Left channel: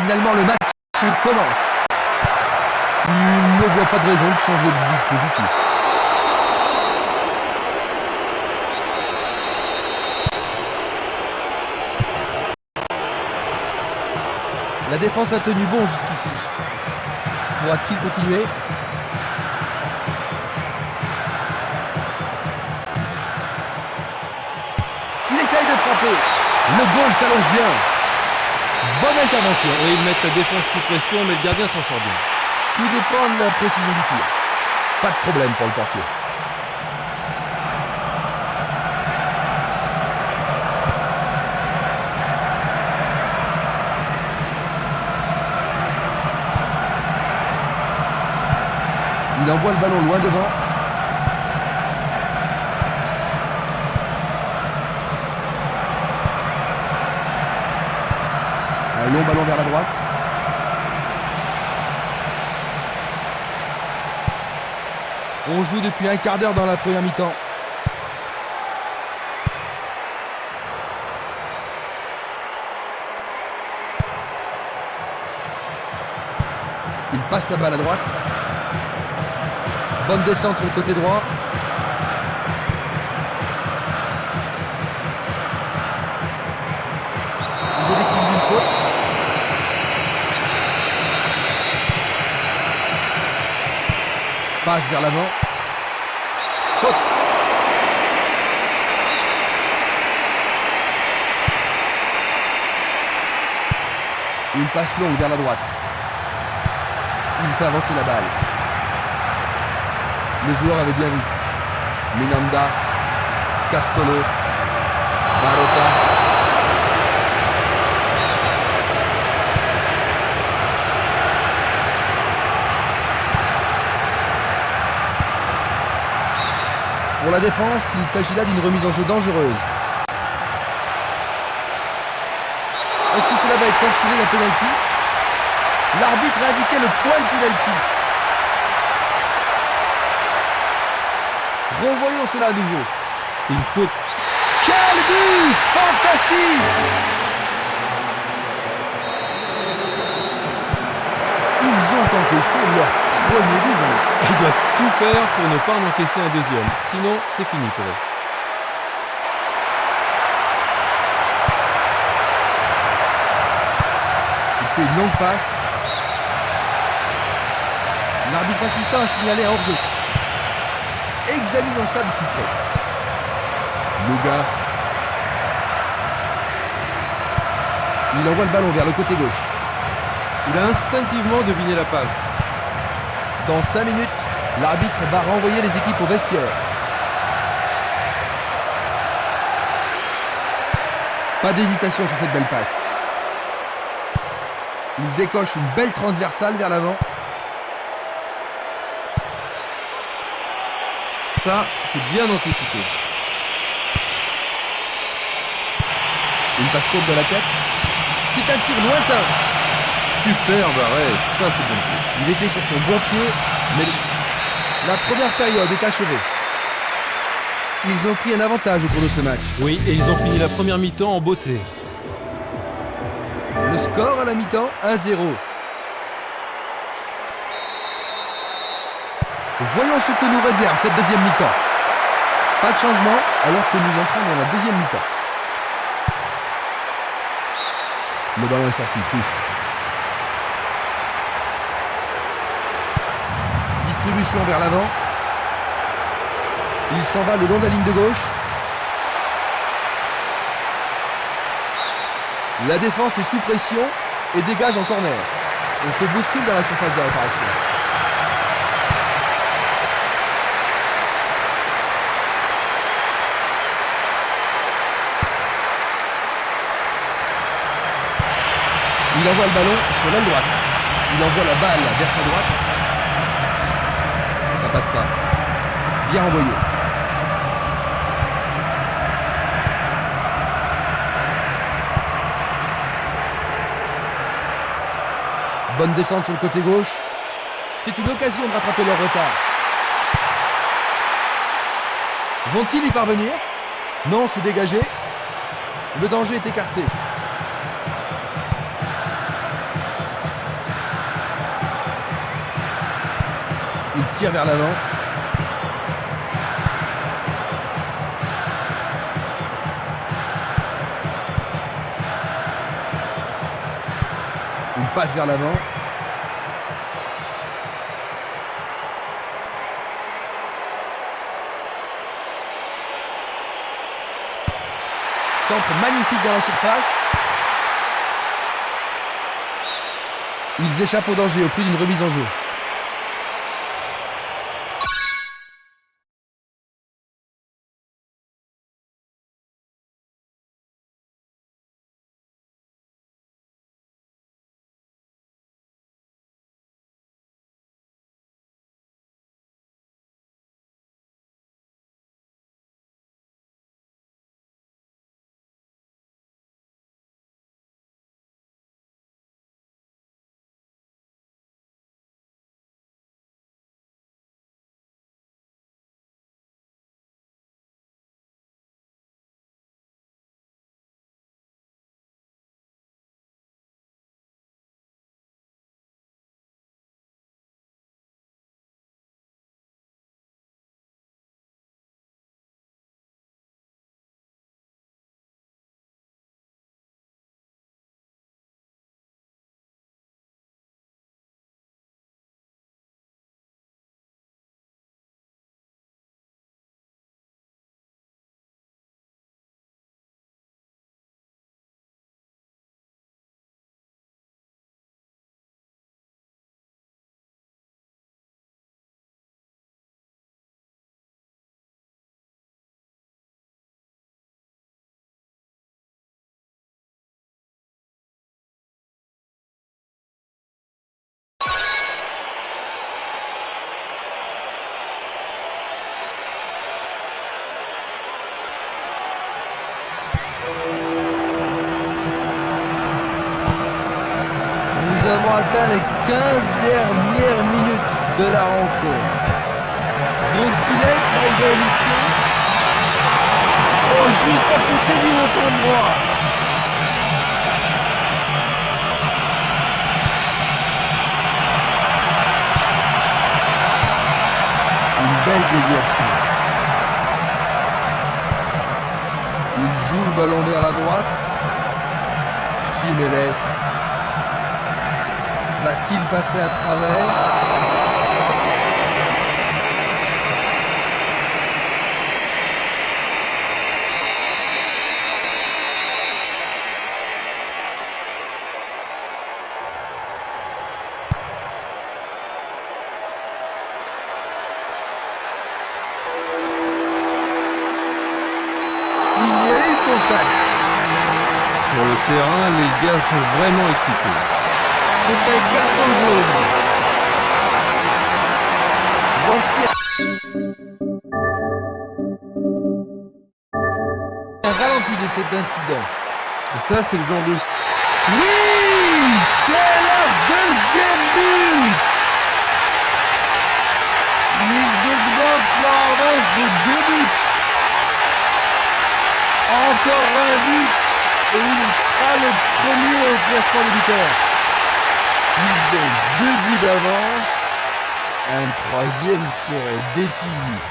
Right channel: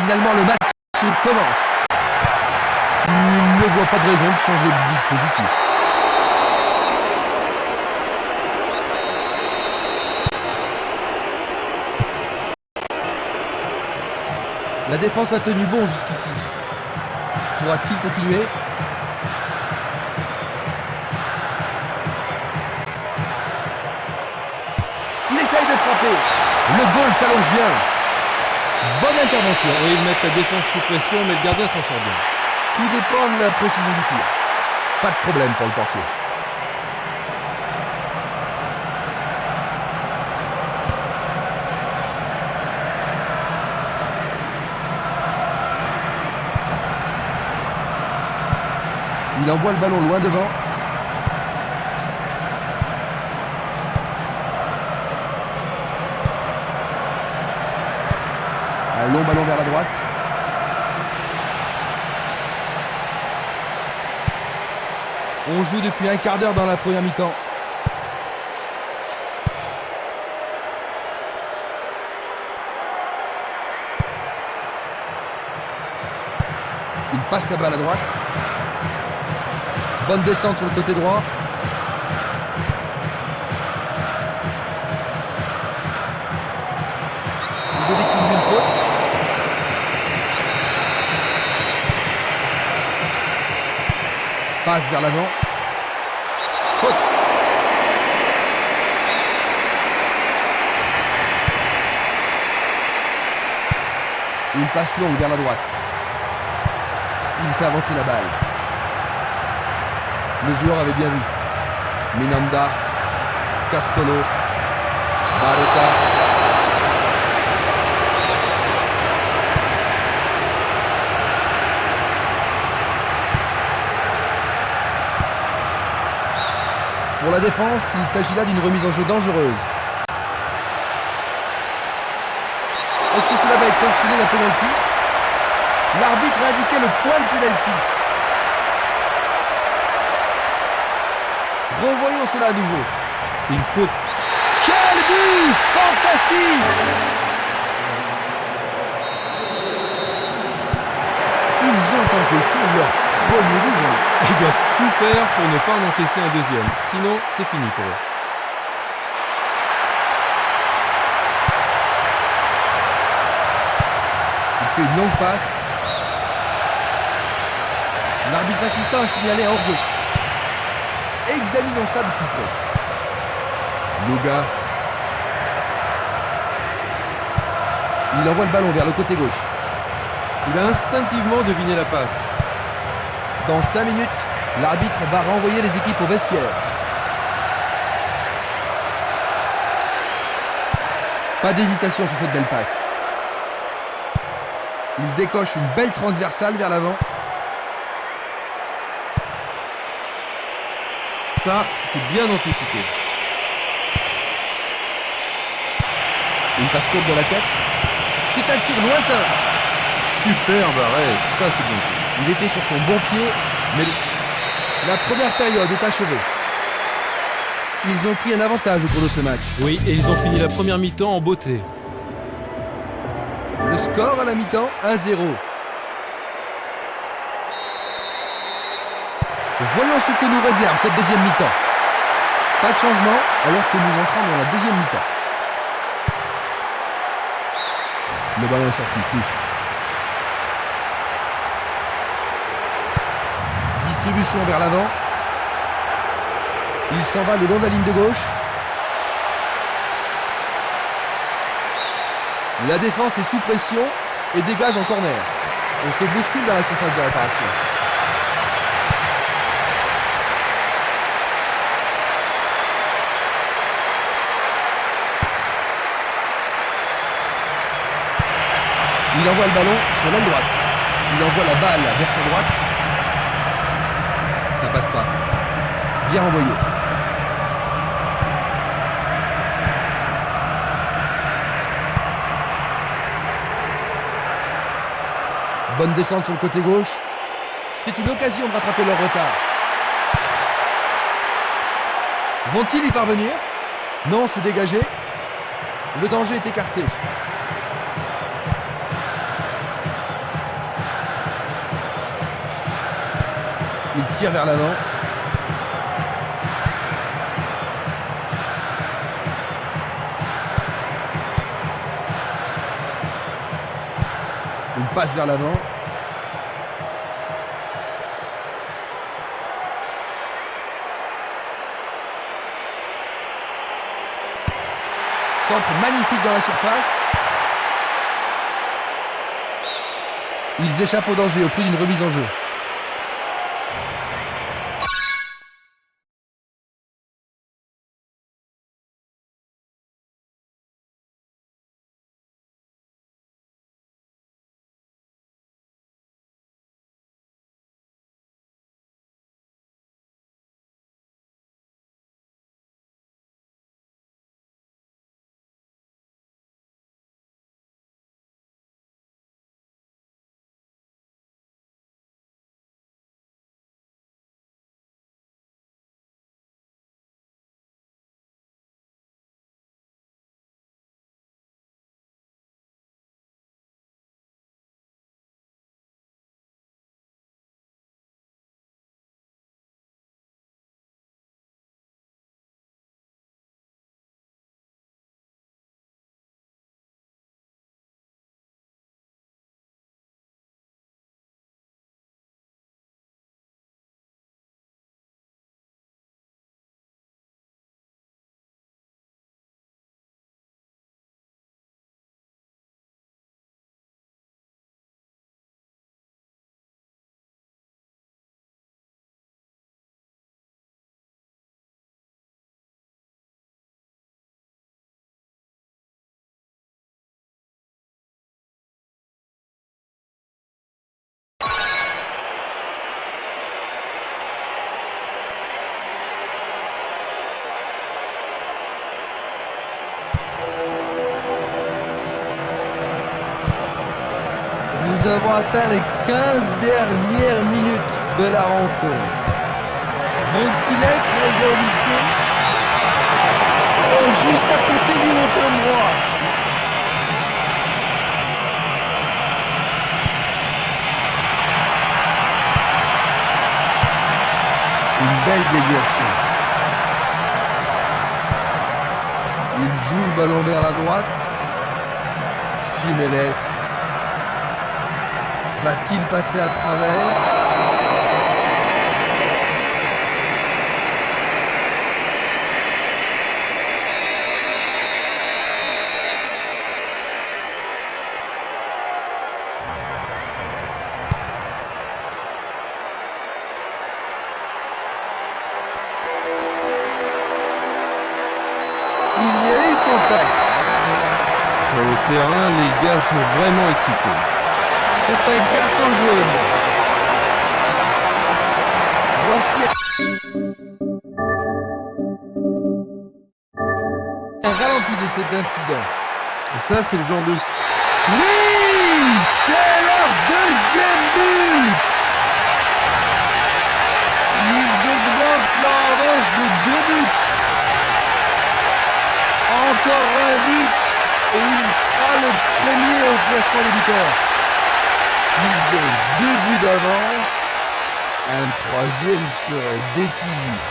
Finalement, le match commence. Il ne voit pas de raison de changer de dispositif. La défense a tenu bon jusqu'ici. Pourra-t-il continuer? Il essaye de frapper. Le goal s'allonge bien. Bonne intervention. Oui, ils mettent la défense sous pression, mais le gardien s'en sort bien. Tout dépend de la précision du tir. Pas de problème pour le portier. Il envoie le ballon loin devant. Un long ballon vers la droite. On joue depuis un quart d'heure dans la première mi-temps. Il passe la balle à droite. Bonne descente sur le côté droit. Il est victime d'une faute. Passe vers l'avant. Faute. Une passe longue vers la droite. Il fait avancer la balle. Le joueur avait bien vu. Minanda, Castolo, Barota. Pour la défense, il s'agit là d'une remise en jeu dangereuse. Est-ce que cela va être sanctionné la pénalty? L'arbitre a indiqué le point de pénalty. Revoyons cela à nouveau. C'était une faute. Quel but! Fantastique! Ils ont encaissé leur premier but. Ils doivent tout faire pour ne pas en encaisser un deuxième. Sinon, c'est fini pour eux. Il fait une longue passe. L'arbitre assistant a signalé un hors-jeu. Examinons ça de plus près. Loga. Il envoie le ballon vers le côté gauche. Il a instinctivement deviné la passe. Dans 5 minutes, l'arbitre va renvoyer les équipes au vestiaire. Pas d'hésitation sur cette belle passe. Il décoche une belle transversale vers l'avant. Ça, c'est bien anticipé. Une passe courte de la tête. C'est un tir lointain. Superbe arrêt, ça c'est bien vu. Il était sur son bon pied, mais la première période est achevée. Ils ont pris un avantage au cours de ce match. Oui, et ils ont fini la première mi-temps en beauté. Le score à la mi-temps, 1-0. Voyons ce que nous réserve cette deuxième mi-temps. Pas de changement alors que nous entrons dans la deuxième mi-temps. Le ballon est sorti, touche. Distribution vers l'avant. Il s'en va le long de la ligne de gauche. La défense est sous pression et dégage en corner. On se bouscule dans la surface de réparation. Il envoie le ballon sur l'aile droite. Il envoie la balle vers sa droite. Ça passe pas. Bien envoyé. Bonne descente sur le côté gauche. C'est une occasion de rattraper leur retard. Vont-ils y parvenir? Non, c'est dégagé. Le danger est écarté. Il tire vers l'avant. Une passe vers l'avant. Centre magnifique dans la surface. Ils échappent au danger au prix d'une remise en jeu. Nous avons atteint les 15 dernières minutes de la rencontre. Vont-ils être à égalité? Oh, juste à côté du montant droit. Une belle déviation. Il joue le ballon vers la droite. Simeles. Va-t-il passer à travers? Il y a eu contact. Sur le terrain, les gars sont vraiment excités. C'est un carton jaune. Voici un ralenti de cet incident. Et ça, c'est le genre de... Oui, c'est leur deuxième but. Ils augmentent leur avance de 2 buts. Encore un but et il sera le premier au classement des buteurs. Ils ont 2 buts d'avance. Un troisième serait décisif.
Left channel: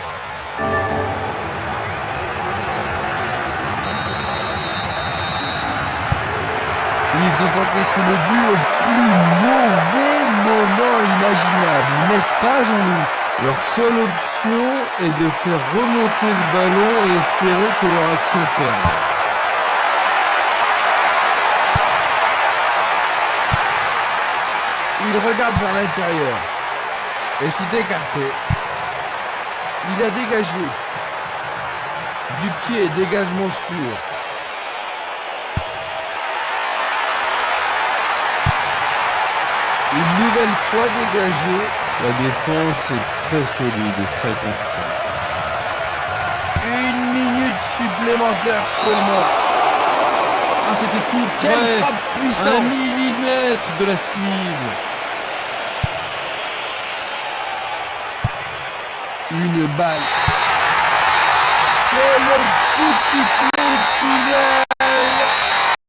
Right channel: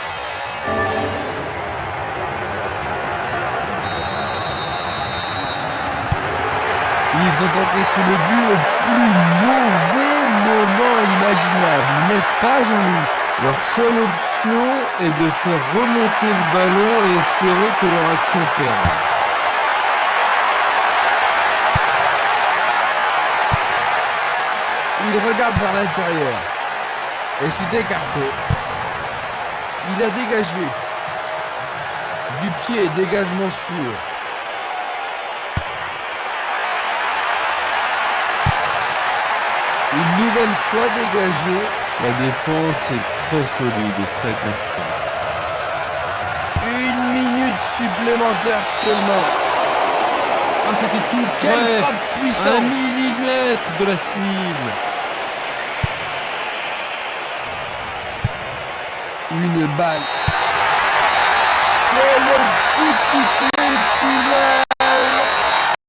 Ils ont encaissé le but au plus mauvais moment imaginable, n'est-ce pas, Jean-Louis? Leur seule option est de faire remonter le ballon et espérer que leur action perde. Il regarde vers l'intérieur et s'est écarté. Il a dégagé. Du pied, dégagement sûr. Une nouvelle fois dégagé. La défense est très solide et très confiante. 1 minute supplémentaire seulement. Ah, c'était tout Quelle près. frappe 1 puissante. millimètre de la cible. Une balle. C'est le coup de sifflet final.